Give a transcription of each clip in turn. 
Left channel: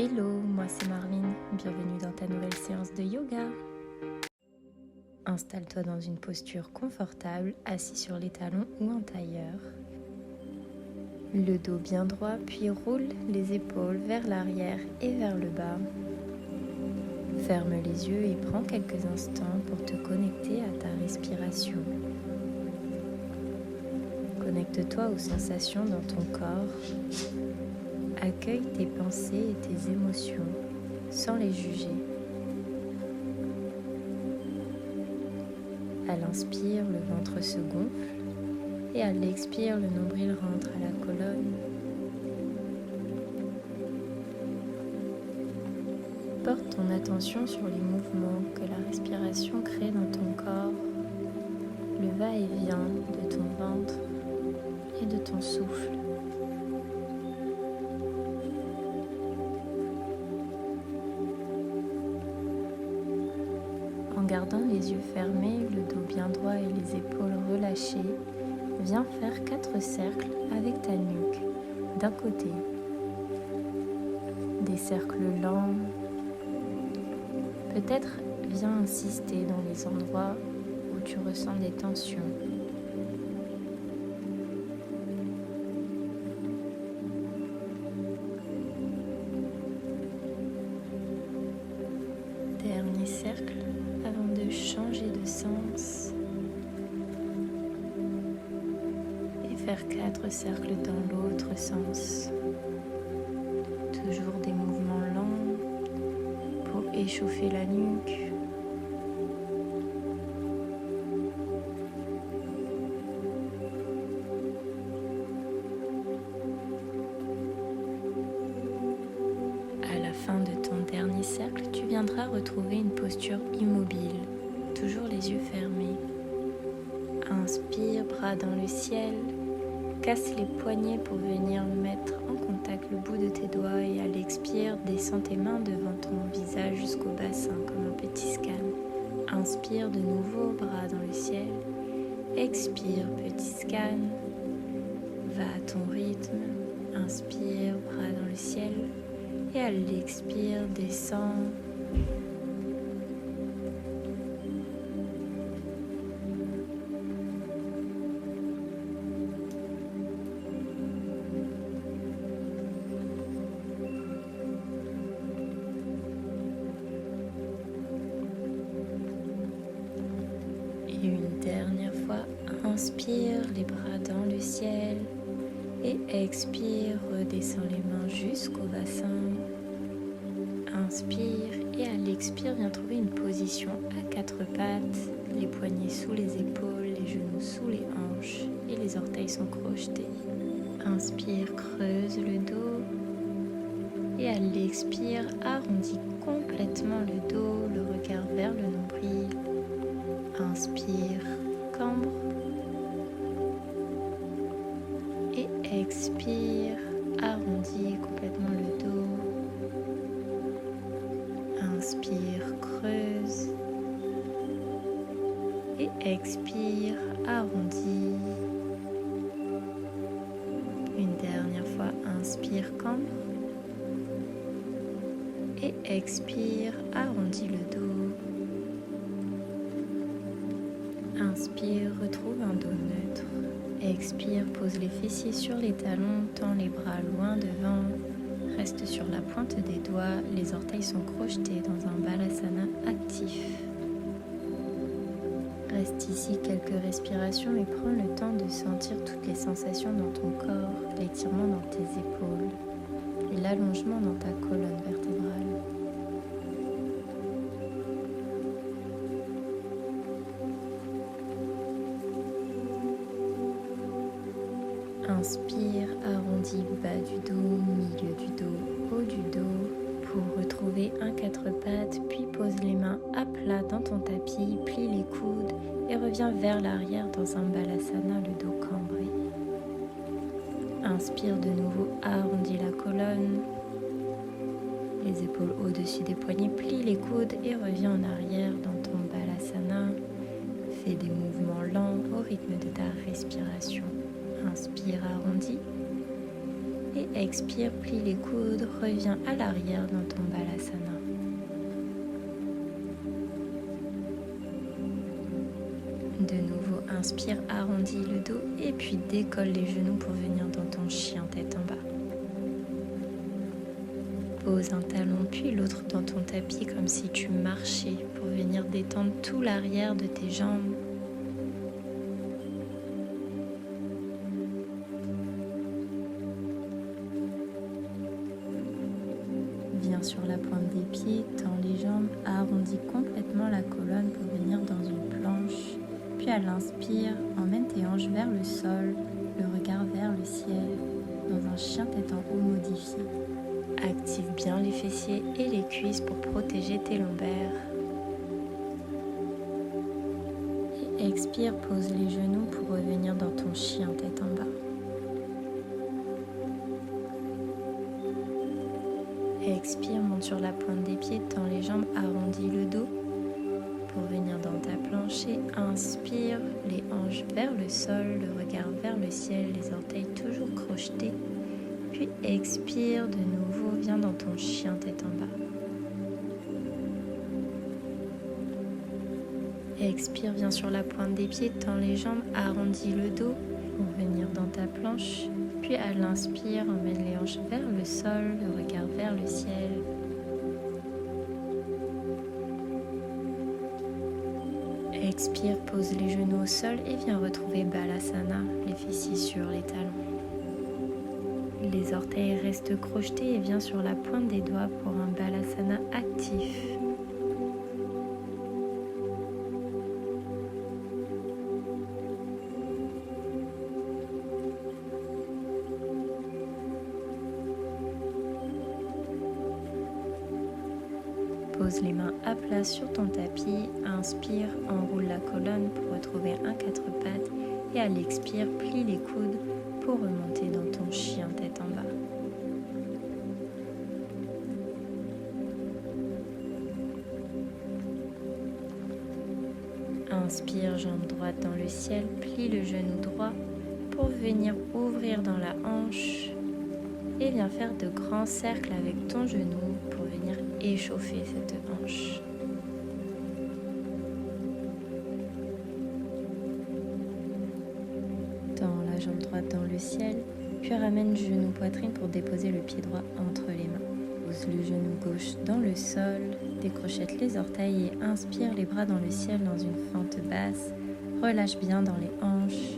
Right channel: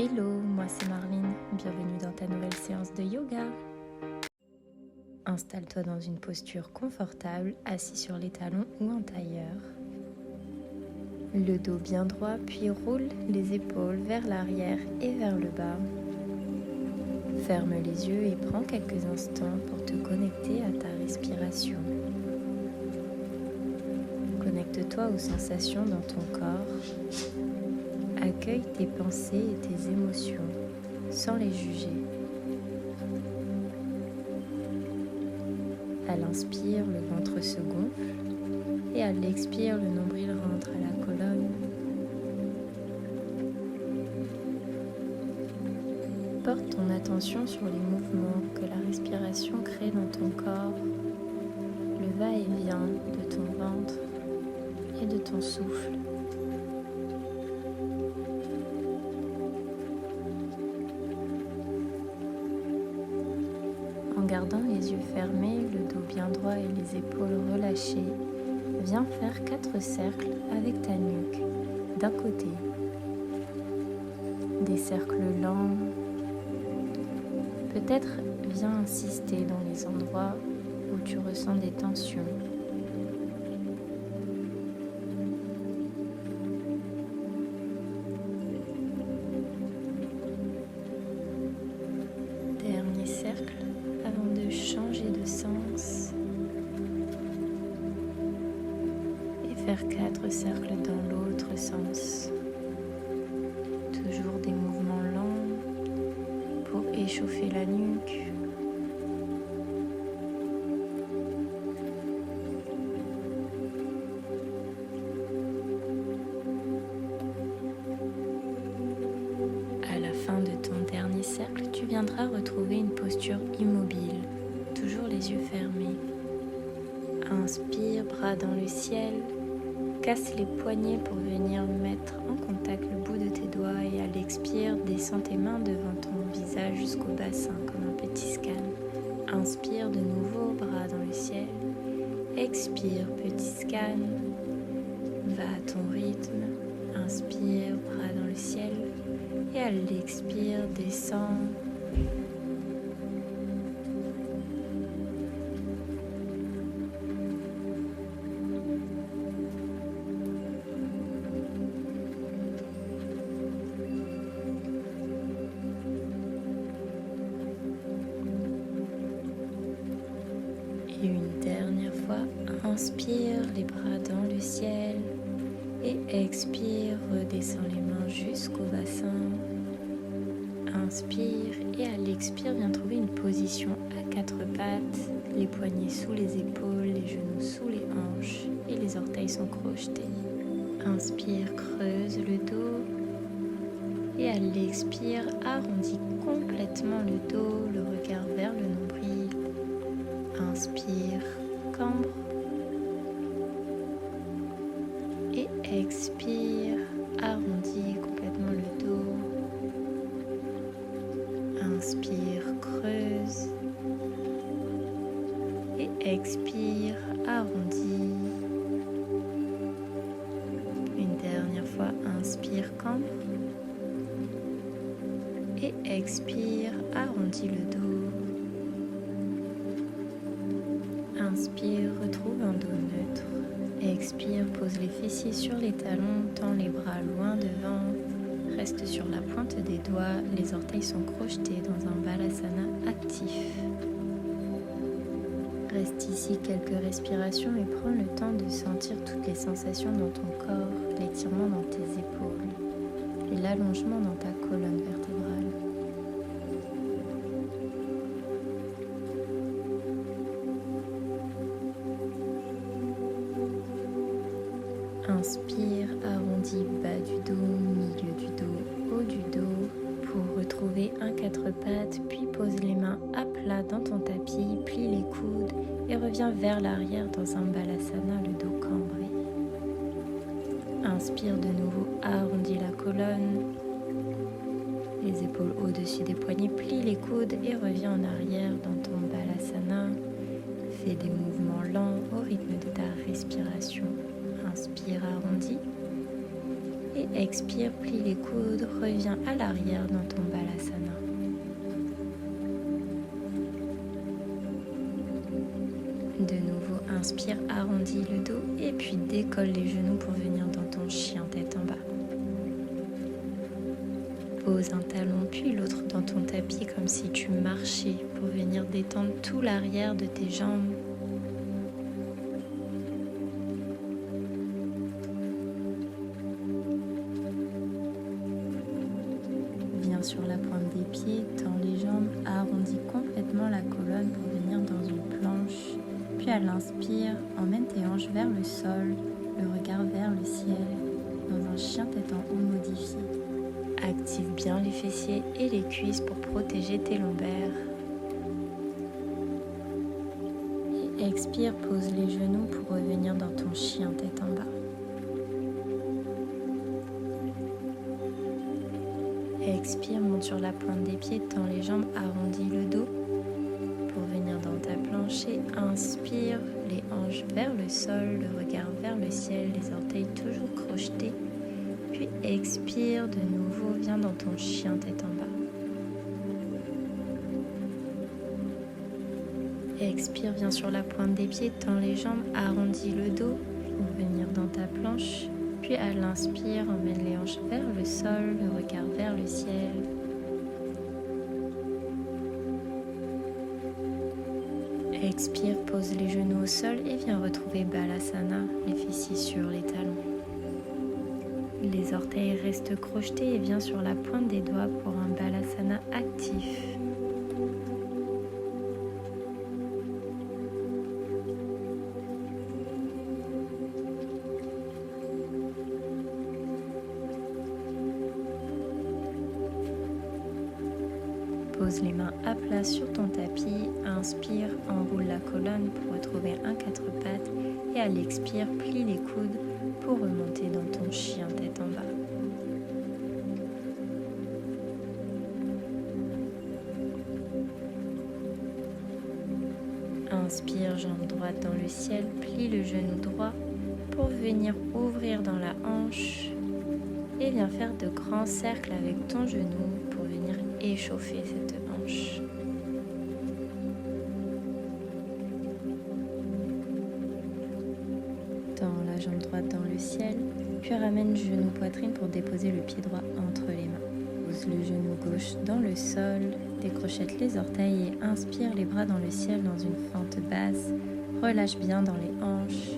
Hello, moi c'est Marline, bienvenue dans ta nouvelle séance de yoga. Installe-toi dans une posture confortable, assis sur les talons ou en tailleur. Le dos bien droit, puis roule les épaules vers l'arrière et vers le bas. Ferme les yeux et prends quelques instants pour te connecter à ta respiration. Connecte-toi aux sensations dans ton corps. Accueille tes pensées et tes émotions sans les juger. À l'inspire, le ventre se gonfle et à l'expire, le nombril rentre à la colonne. Porte ton attention sur les mouvements que la respiration crée dans ton corps, le va-et-vient de ton ventre et de ton souffle. En gardant les yeux fermés, le dos bien droit et les épaules relâchées, viens faire 4 cercles avec ta nuque d'un côté. Des cercles lents. Peut-être viens insister dans les endroits où tu ressens des tensions. Dernier cercle avant de changer de sens et faire 4 cercles dans l'autre sens. Toujours des mouvements lents pour échauffer la nuque. À la fin de ton dernier cercle, tu viendras retrouver une posture immobile, toujours les yeux fermés. Inspire, bras dans le ciel, casse les poignets pour venir mettre en contact le bout de tes doigts et à l'expire, descends tes mains devant ton visage jusqu'au bassin comme un petit scan. Inspire de nouveau, bras dans le ciel. Expire, petit scan. Va à ton rythme. Inspire, bras dans le ciel. Et à l'expire, descends. Et une dernière fois, inspire, les bras dans le ciel. Et expire, redescends les mains jusqu'au bassin. Inspire et à l'expire, viens trouver une position à 4 pattes, les poignets sous les épaules, les genoux sous les hanches et les orteils sont crochetés. Inspire, creuse le dos et à l'expire, arrondis complètement le dos, le regard vers le nombril. Inspire, cambre. Et expire, arrondis complètement le dos. Inspire, creuse. Et expire, arrondis. Une dernière fois, inspire, cambre. Et expire, arrondis le dos. Inspire, retrouve un dos neutre. Expire, pose les fessiers sur les talons, tends les bras loin devant. Reste sur la pointe des doigts, les orteils sont crochetés dans un balasana actif. Reste ici quelques respirations et prends le temps de sentir toutes les sensations dans ton corps, l'étirement dans tes épaules et l'allongement dans ta colonne vertébrale. Inspire, arrondis bas du dos, milieu du dos, haut du dos pour retrouver un 4 pattes, puis pose les mains à plat dans ton tapis, plie les coudes et reviens vers l'arrière dans un balasana, le dos cambré. Inspire de nouveau, arrondis la colonne, les épaules au-dessus des poignets, plie les coudes et reviens en arrière dans ton balasana. Fais des mouvements lents au rythme de ta respiration. Inspire, arrondi Et expire, plie les coudes, reviens à l'arrière dans ton Balasana. De nouveau, inspire, arrondis le dos et puis décolle les genoux pour venir dans ton chien tête en bas. Pose un talon puis l'autre dans ton tapis comme si tu marchais pour venir détendre tout l'arrière de tes jambes. Viens sur la pointe des pieds, tends les jambes, arrondis complètement la colonne pour venir dans une planche. Puis à l'inspire, emmène tes hanches vers le sol, le regard vers le ciel, dans un chien tête en haut modifié. Active bien les fessiers et les cuisses pour protéger tes lombaires. Et expire, pose les genoux pour revenir dans ton chien tête en bas. Expire, monte sur la pointe des pieds, tends les jambes, arrondis le dos pour venir dans ta planche et inspire, les hanches vers le sol, le regard vers le ciel, les orteils toujours crochetés. Puis expire de nouveau, viens dans ton chien tête en bas. Expire, viens sur la pointe des pieds, tends les jambes, arrondis le dos pour venir dans ta planche. Puis à l'inspire, emmène les hanches vers le sol, le regard vers le ciel. Expire, pose les genoux au sol et viens retrouver Balasana, les fessiers sur les talons. Les orteils restent crochetés et viens sur la pointe des doigts pour un Balasana actif. Pose les mains à plat sur ton tapis, inspire, enroule la colonne pour retrouver un quatre pattes et à l'expire, plie les coudes pour remonter dans ton chien tête en bas. Inspire, jambe droite dans le ciel, plie le genou droit pour venir ouvrir dans la hanche. Et viens faire de grands cercles avec ton genou pour venir échauffer cette hanche. Tends la jambe droite dans le ciel, puis ramène genou poitrine pour déposer le pied droit entre les mains. Pose le genou gauche dans le sol, décrochette les orteils et inspire les bras dans le ciel dans une fente basse. Relâche bien dans les hanches.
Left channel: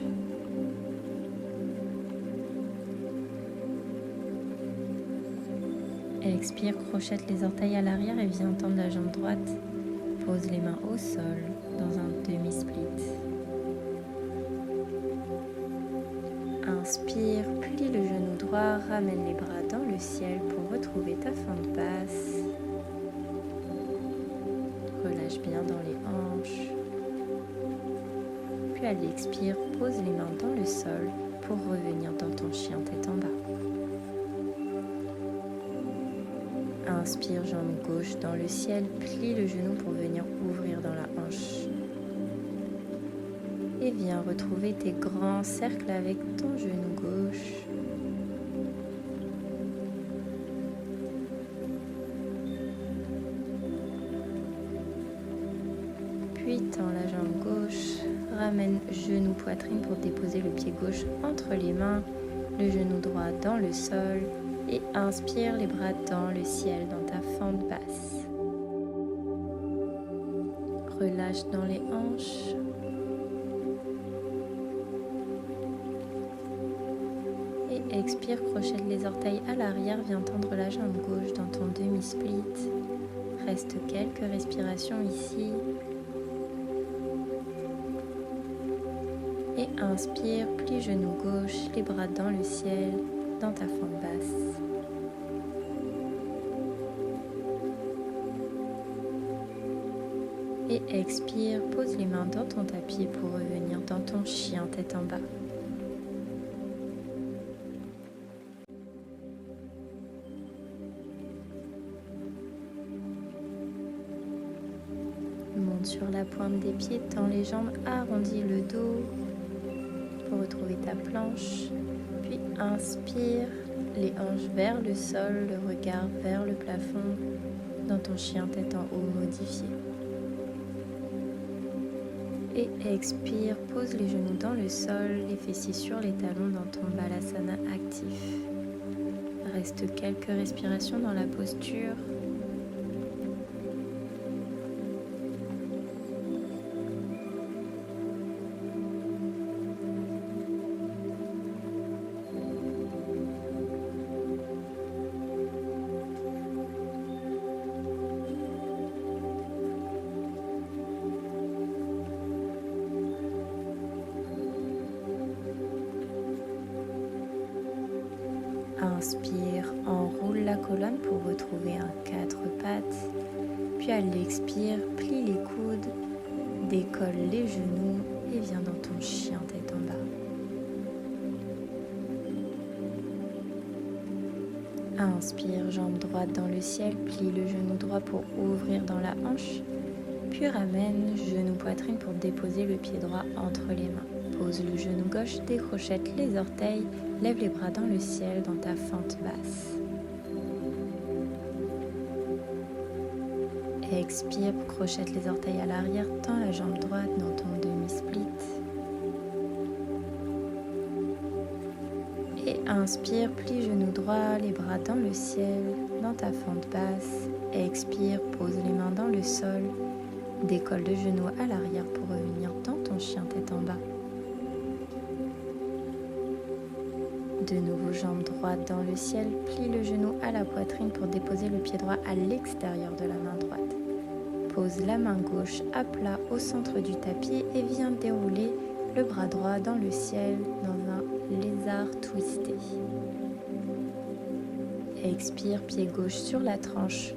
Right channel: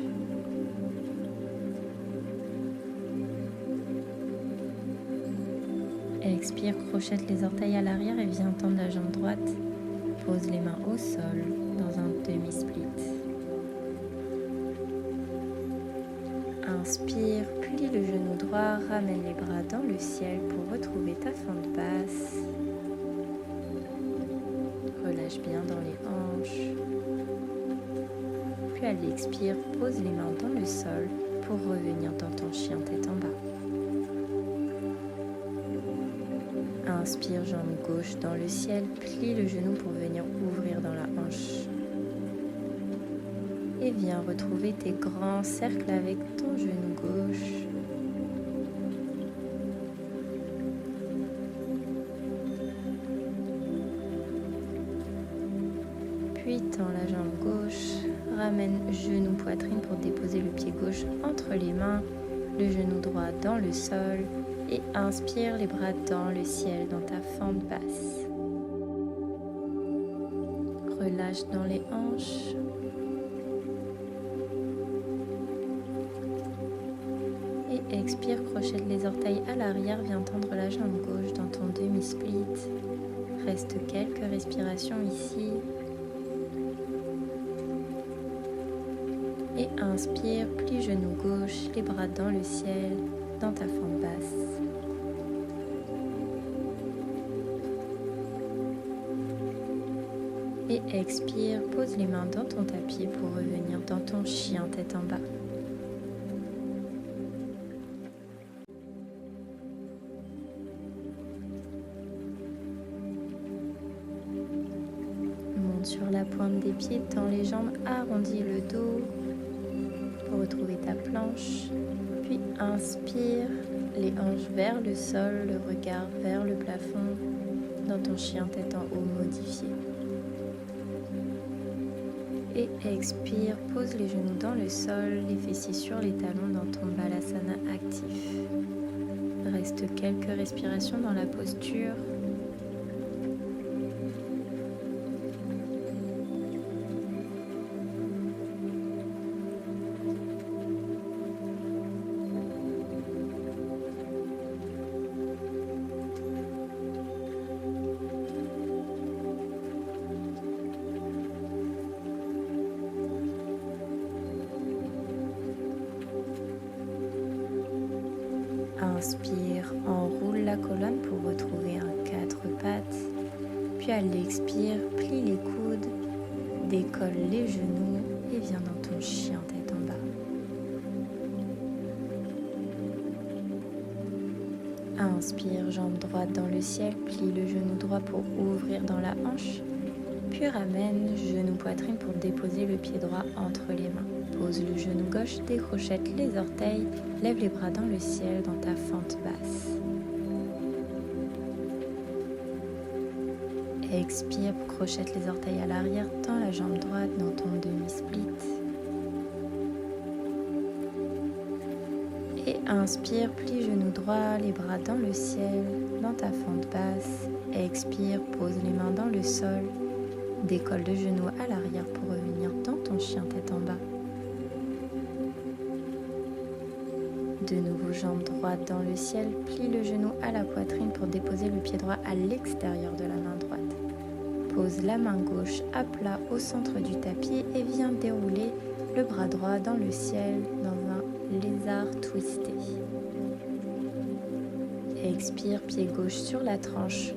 Expire, crochette les orteils à l'arrière et viens tendre la jambe droite. Pose les mains au sol dans un demi-split. Inspire, plie le genou droit, ramène les bras dans le ciel pour retrouver ta fente basse. Relâche bien dans les hanches. Puis à l'expire, pose les mains dans le sol pour revenir dans ton chien tête en bas. Inspire, jambe gauche dans le ciel, plie le genou pour venir ouvrir dans la hanche. Et viens retrouver tes grands cercles avec ton genou gauche. Puis tends la jambe gauche, ramène genou poitrine pour déposer le pied gauche entre les mains, le genou droit dans le sol. Et inspire les bras dans le ciel, dans ta fente basse. Relâche dans les hanches. Et expire, crochette les orteils à l'arrière, viens tendre la jambe gauche dans ton demi-split. Reste quelques respirations ici. Et inspire, plie genou gauche, les bras dans le ciel, dans ta fente basse. Et expire, pose les mains dans ton tapis pour revenir dans ton chien tête en bas. Monte sur la pointe des pieds, tends les jambes, arrondis le dos pour retrouver ta planche. Puis inspire, Les hanches vers le sol, le regard vers le plafond, dans ton chien tête en haut modifié. Et expire, pose les genoux dans le sol, les fessiers sur les talons dans ton balasana actif. Reste quelques respirations dans la posture. Inspire, enroule la colonne pour retrouver un 4 pattes. Puis à l'expire, plie les coudes, décolle les genoux et viens dans ton chien tête en bas. Inspire, jambe droite dans le ciel, plie le genou droit pour ouvrir dans la hanche. Puis ramène genou poitrine pour déposer le pied droit entre les mains. Pose le genou gauche, décrochette les orteils, lève les bras dans le ciel dans ta fente basse. Expire, crochette les orteils à l'arrière, tends la jambe droite dans ton demi-split. Et inspire, plie genou droit, les bras dans le ciel, dans ta fente basse. Expire, pose les mains dans le sol. Décolle le genou à l'arrière pour revenir dans ton chien tête en bas. De nouveau, jambe droite dans le ciel, plie le genou à la poitrine pour déposer le pied droit à l'extérieur de la main droite. Pose la main gauche à plat au centre du tapis et viens dérouler le bras droit dans le ciel dans un lézard twisté. Expire, pied gauche sur la tranche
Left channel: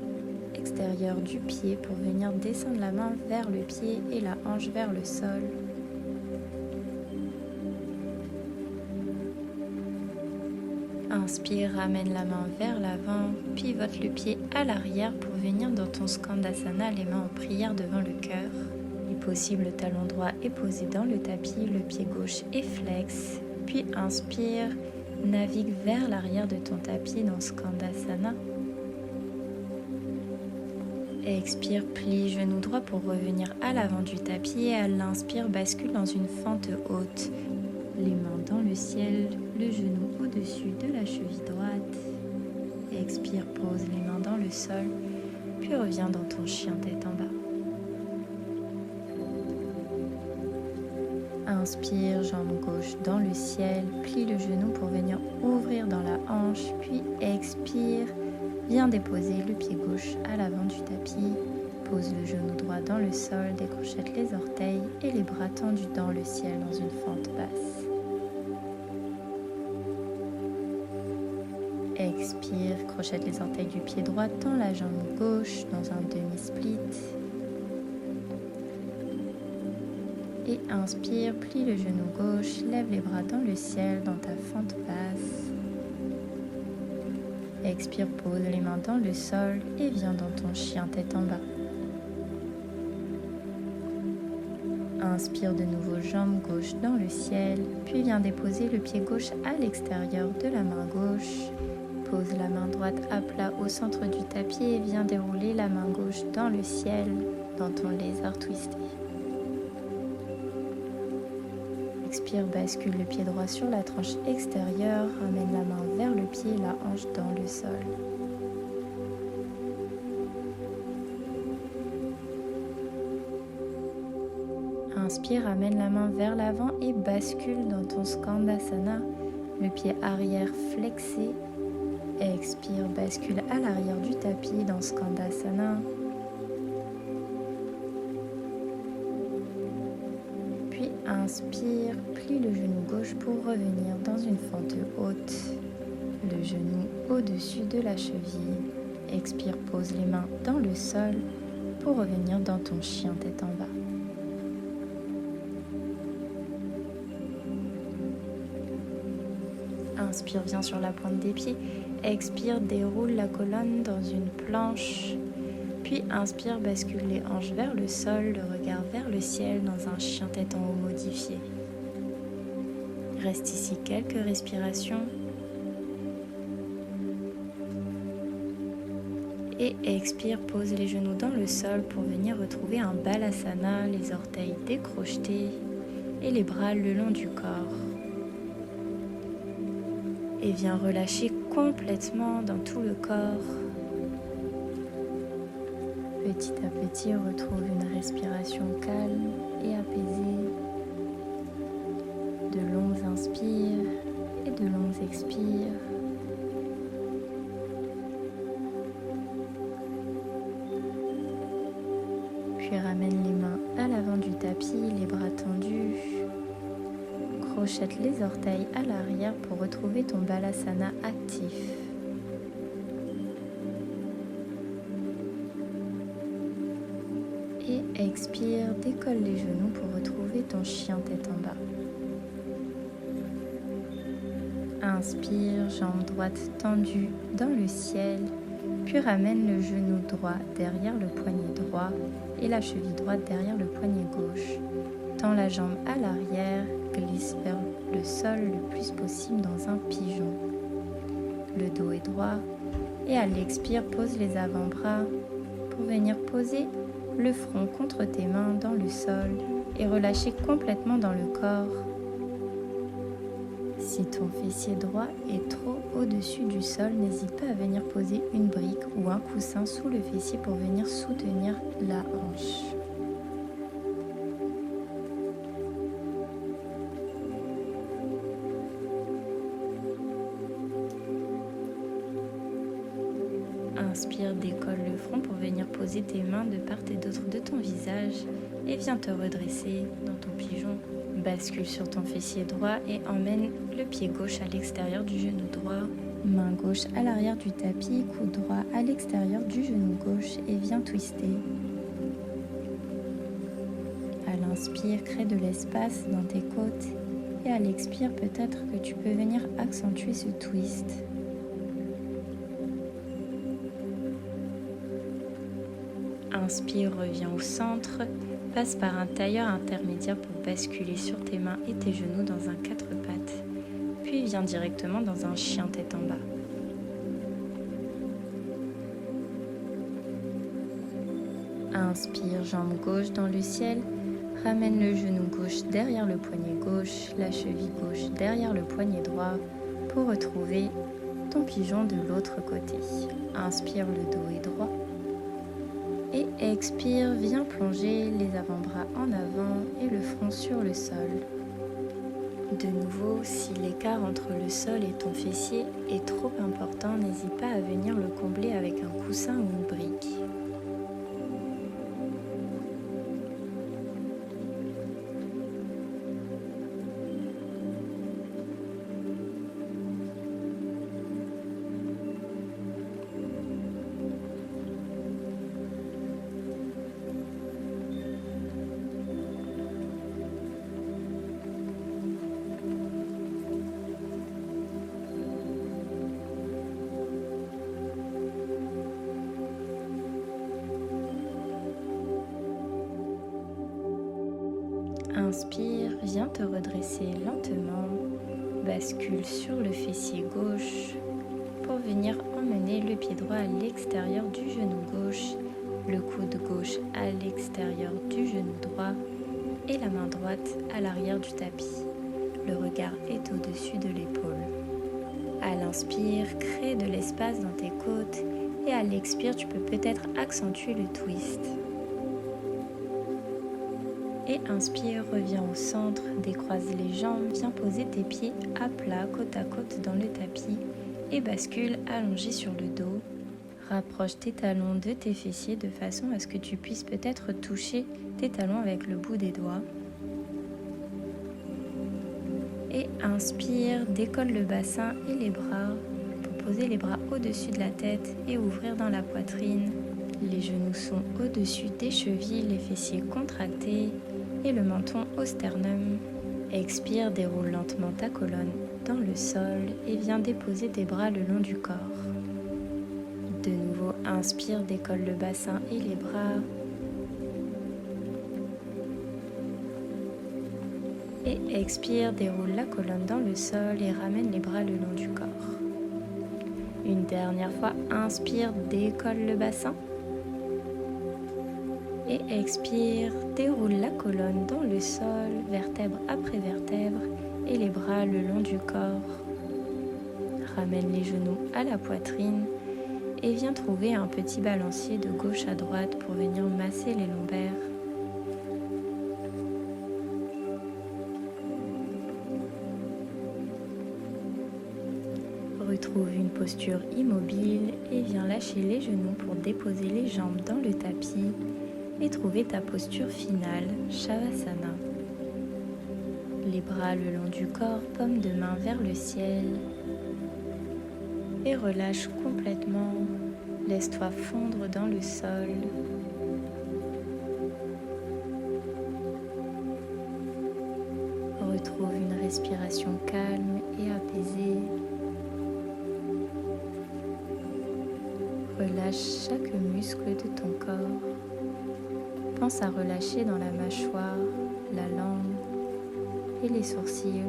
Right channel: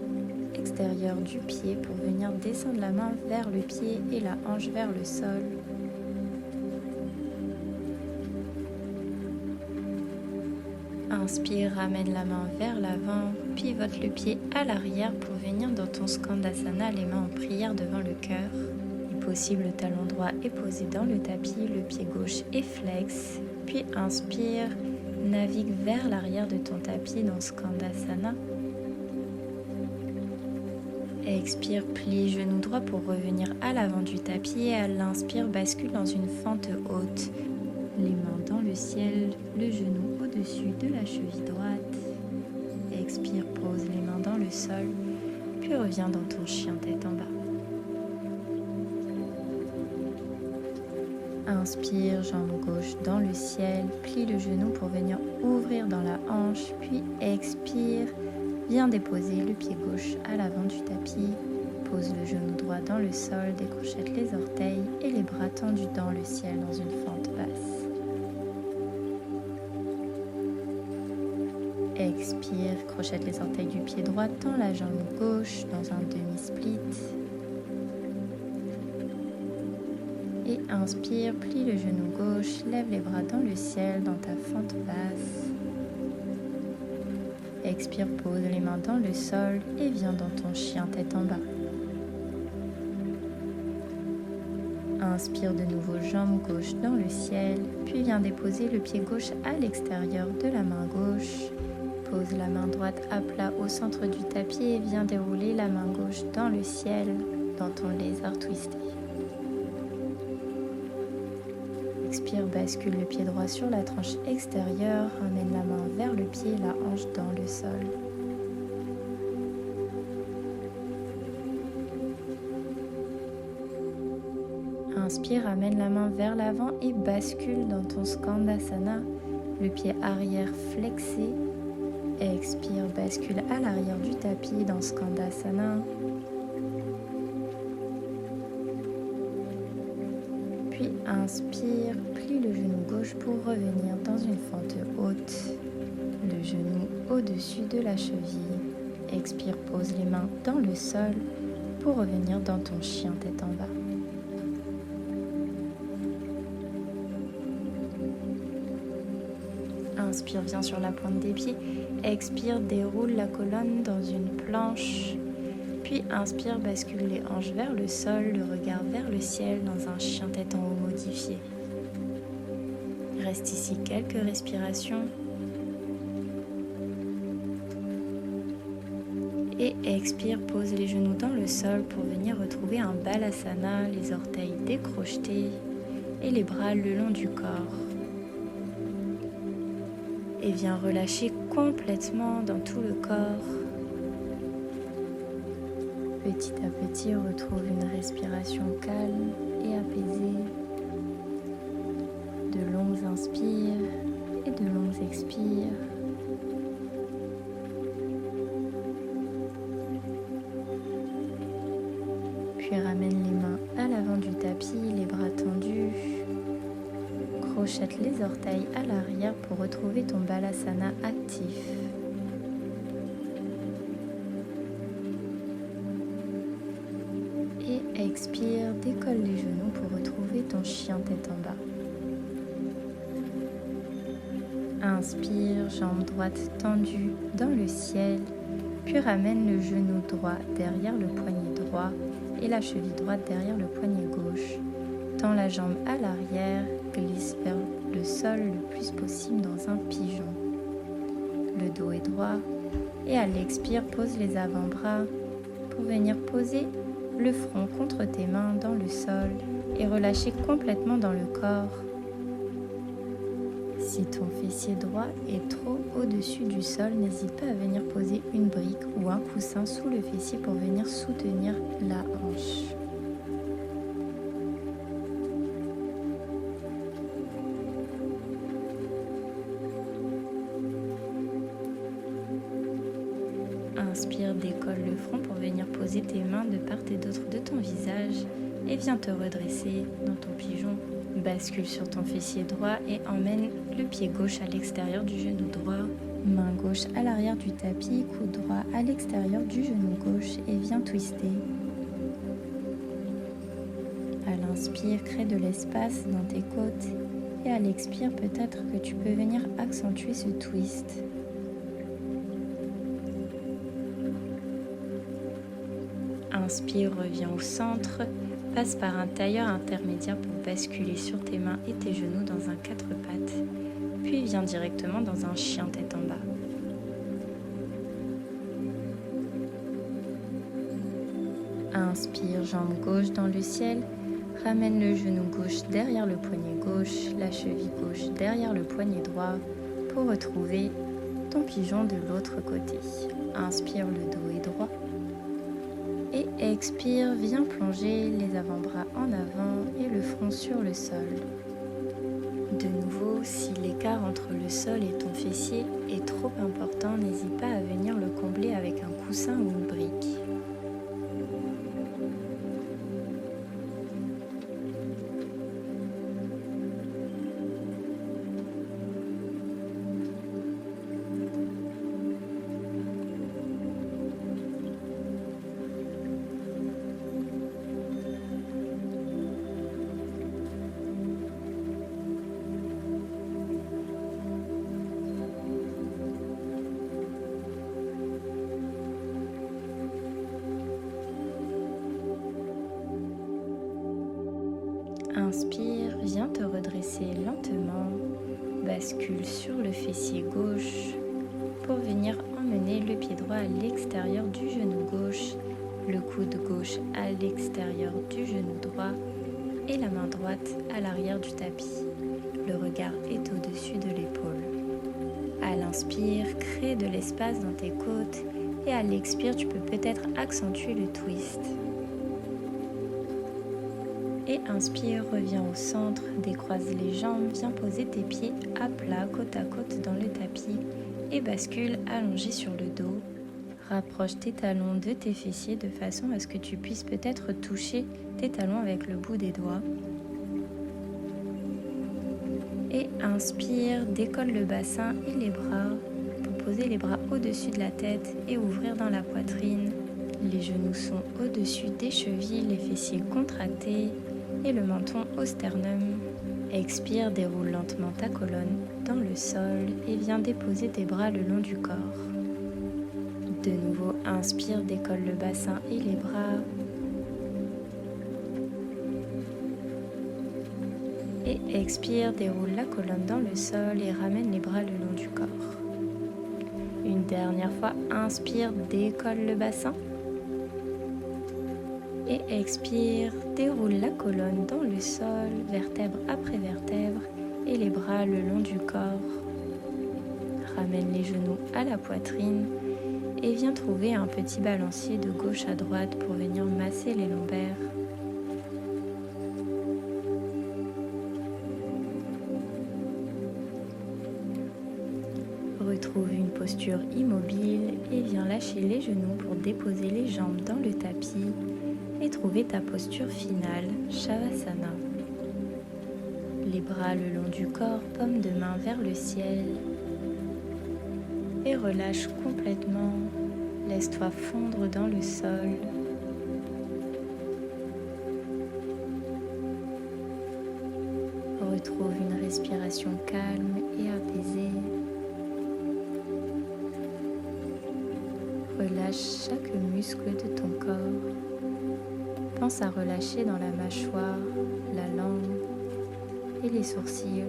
extérieure du pied pour venir descendre la main vers le pied et la hanche vers le sol. Inspire, ramène la main vers l'avant, pivote le pied à l'arrière pour venir dans ton Skandasana, les mains en prière devant le cœur. Si possible, le talon droit est posé dans le tapis, le pied gauche est flex. Puis inspire, navigue vers l'arrière de ton tapis dans Skandasana. Expire, plie genou droit pour revenir à l'avant du tapis et à l'inspire, bascule dans une fente haute. Les mains dans le ciel, le genou au-dessus de la cheville droite. Expire, pose les mains dans le sol, puis reviens dans ton chien tête en bas. Inspire, jambe gauche dans le ciel, plie le genou pour venir ouvrir dans la hanche, puis expire, viens déposer le pied gauche à l'avant du tapis, pose le genou droit dans le sol, décrochette les orteils et les bras tendus dans le ciel dans une fente basse. Expire, crochette les orteils du pied droit, tends la jambe gauche dans un demi-split. Et inspire, plie le genou gauche, lève les bras dans le ciel dans ta fente basse. Expire, pose les mains dans le sol et viens dans ton chien tête en bas. Inspire de nouveau, jambe gauche dans le ciel, puis viens déposer le pied gauche à l'extérieur de la main gauche. Pose la main droite à plat au centre du tapis et viens dérouler la main gauche dans le ciel, dans ton lézard twisté. Expire, bascule le pied droit sur la tranche extérieure, ramène la main vers le pied et la hanche dans le sol. Inspire, ramène la main vers l'avant et bascule dans ton Skandasana, le pied arrière flexé. Expire, bascule à l'arrière du tapis dans Skandasana. Puis inspire, plie le genou gauche pour revenir dans une fente haute, le genou au-dessus de la cheville. Expire, pose les mains dans le sol pour revenir dans ton chien tête en bas. Inspire, viens sur la pointe des pieds. Expire, déroule la colonne dans une planche. Puis inspire, bascule les hanches vers le sol, le regard vers le ciel dans un chien tête en haut modifié. Reste ici quelques respirations. Et expire, pose les genoux dans le sol pour venir retrouver un balasana, les orteils décrochetés et les bras le long du corps. Et viens relâcher complètement dans tout le corps. Petit à petit, retrouve une respiration calme et apaisée. De longues inspires et de longues expires. Puis ramène les mains à l'avant du tapis, les bras tendus. Crochette les orteils à l'arrière pour retrouver ton balasana actif. Et expire, décolle les genoux pour retrouver ton chien tête en bas. Inspire, jambe droite tendue dans le ciel, puis ramène le genou droit derrière le poignet droit et la cheville droite derrière le poignet gauche. Tends la jambe à l'arrière, glisse vers le sol le plus possible dans un pigeon. Le dos est droit et à l'expire, pose les avant-bras pour venir poser le front contre tes mains dans le sol et relâcher complètement dans le corps. Si ton fessier droit est trop au-dessus du sol, n'hésite pas à venir poser une brique ou un coussin sous le fessier pour venir soutenir la hanche. Inspire, décolle le front pour venir poser tes mains de part et d'autre de ton visage et viens te redresser dans ton pigeon. Bascule sur ton fessier droit et emmène le pied gauche à l'extérieur du genou droit. Main gauche à l'arrière du tapis, coude droit à l'extérieur du genou gauche et viens twister. À l'inspire, crée de l'espace dans tes côtes et à l'expire, peut-être que tu peux venir accentuer ce twist. Inspire, reviens au centre, passe par un tailleur intermédiaire pour basculer sur tes mains et tes genoux dans un 4 pattes, puis viens directement dans un chien tête en bas. Inspire, jambe gauche dans le ciel, ramène le genou gauche derrière le poignet gauche, la cheville gauche derrière le poignet droit pour retrouver ton pigeon de l'autre côté. Inspire, le dos est droit. Et expire, viens plonger les avant-bras en avant et le front sur le sol. De nouveau, si l'écart entre le sol et ton fessier est trop important, n'hésite pas à venir le combler avec un coussin ou une brique. Inspire, viens te redresser lentement, bascule sur le fessier gauche pour venir emmener le pied droit à l'extérieur du genou gauche, le coude gauche à l'extérieur du genou droit et la main droite à l'arrière du tapis. Le regard est au-dessus de l'épaule. À l'inspire, crée de l'espace dans tes côtes et à l'expire, tu peux peut-être accentuer le twist. Et inspire, reviens au centre, décroise les jambes, viens poser tes pieds à plat, côte à côte dans le tapis et bascule allongé sur le dos. Rapproche tes talons de tes fessiers de façon à ce que tu puisses peut-être toucher tes talons avec le bout des doigts. Et inspire, décolle le bassin et les bras pour poser les bras au-dessus de la tête et ouvrir dans la poitrine. Les genoux sont au-dessus des chevilles, les fessiers contractés et le menton au sternum. Expire, déroule lentement ta colonne dans le sol et viens déposer tes bras le long du corps. De nouveau, inspire, décolle le bassin et les bras. Et expire, déroule la colonne dans le sol et ramène les bras le long du corps. Une dernière fois, inspire, décolle le bassin. Et expire, déroule la colonne dans le sol, vertèbre après vertèbre, et les bras le long du corps. Ramène les genoux à la poitrine et viens trouver un petit balancier de gauche à droite pour venir masser les lombaires. Retrouve une posture immobile et viens lâcher les genoux pour déposer les jambes dans le tapis et trouver ta posture finale, Shavasana. Les bras le long du corps, paume de main vers le ciel. Et relâche complètement. Laisse-toi fondre dans le sol. Retrouve une respiration calme et apaisée. Relâche chaque muscle de ton corps. Pense à relâcher dans la mâchoire, la langue et les sourcils.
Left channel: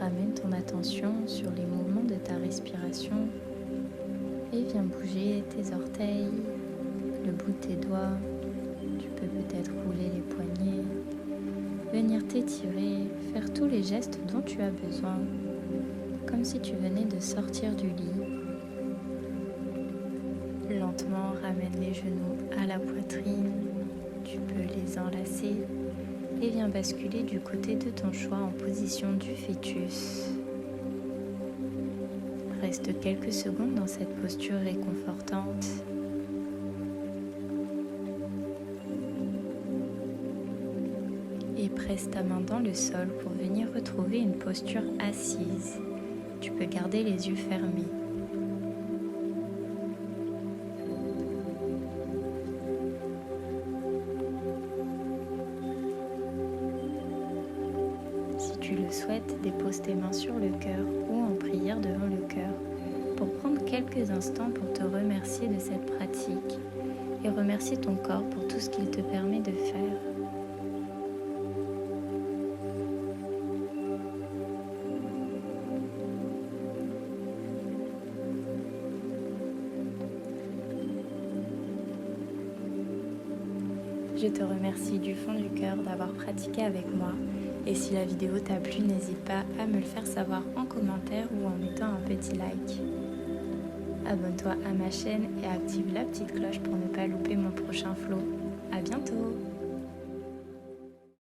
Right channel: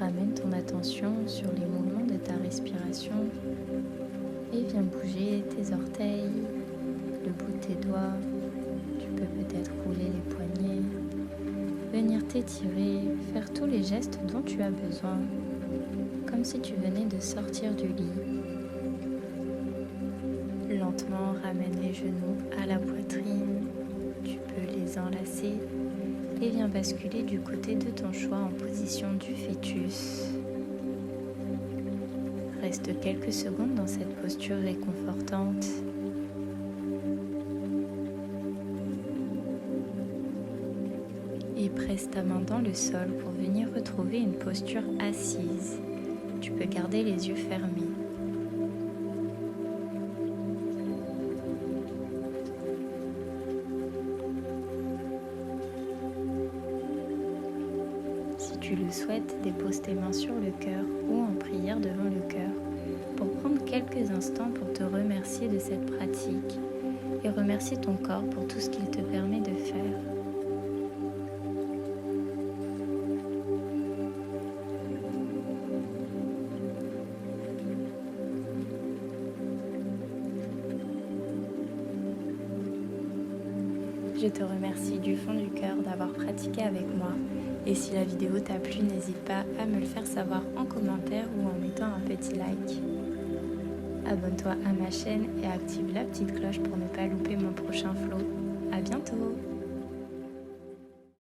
Ramène ton attention sur les mouvements de ta respiration et viens bouger tes orteils, le bout de tes doigts. Tu peux peut-être rouler les poignets, venir t'étirer, faire tous les gestes dont tu as besoin, comme si tu venais de sortir du lit. Lentement, ramène les genoux à la poitrine, tu peux les enlacer et viens basculer du côté de ton choix en position du fœtus. Reste quelques secondes dans cette posture réconfortante. Et presse ta main dans le sol pour venir retrouver une posture assise. Tu peux garder les yeux fermés. Si tu le souhaites, dépose tes mains sur le cœur ou en prière devant le cœur pour prendre quelques instants pour te remercier de cette pratique et remercier ton corps pour tout ce qu'il te permet de faire. Je te remercie du fond du cœur d'avoir pratiqué avec moi. Et si la vidéo t'a plu, n'hésite pas à me le faire savoir en commentaire ou en mettant un petit like. Abonne-toi à ma chaîne et active la petite cloche pour ne pas louper mon prochain flow. À bientôt!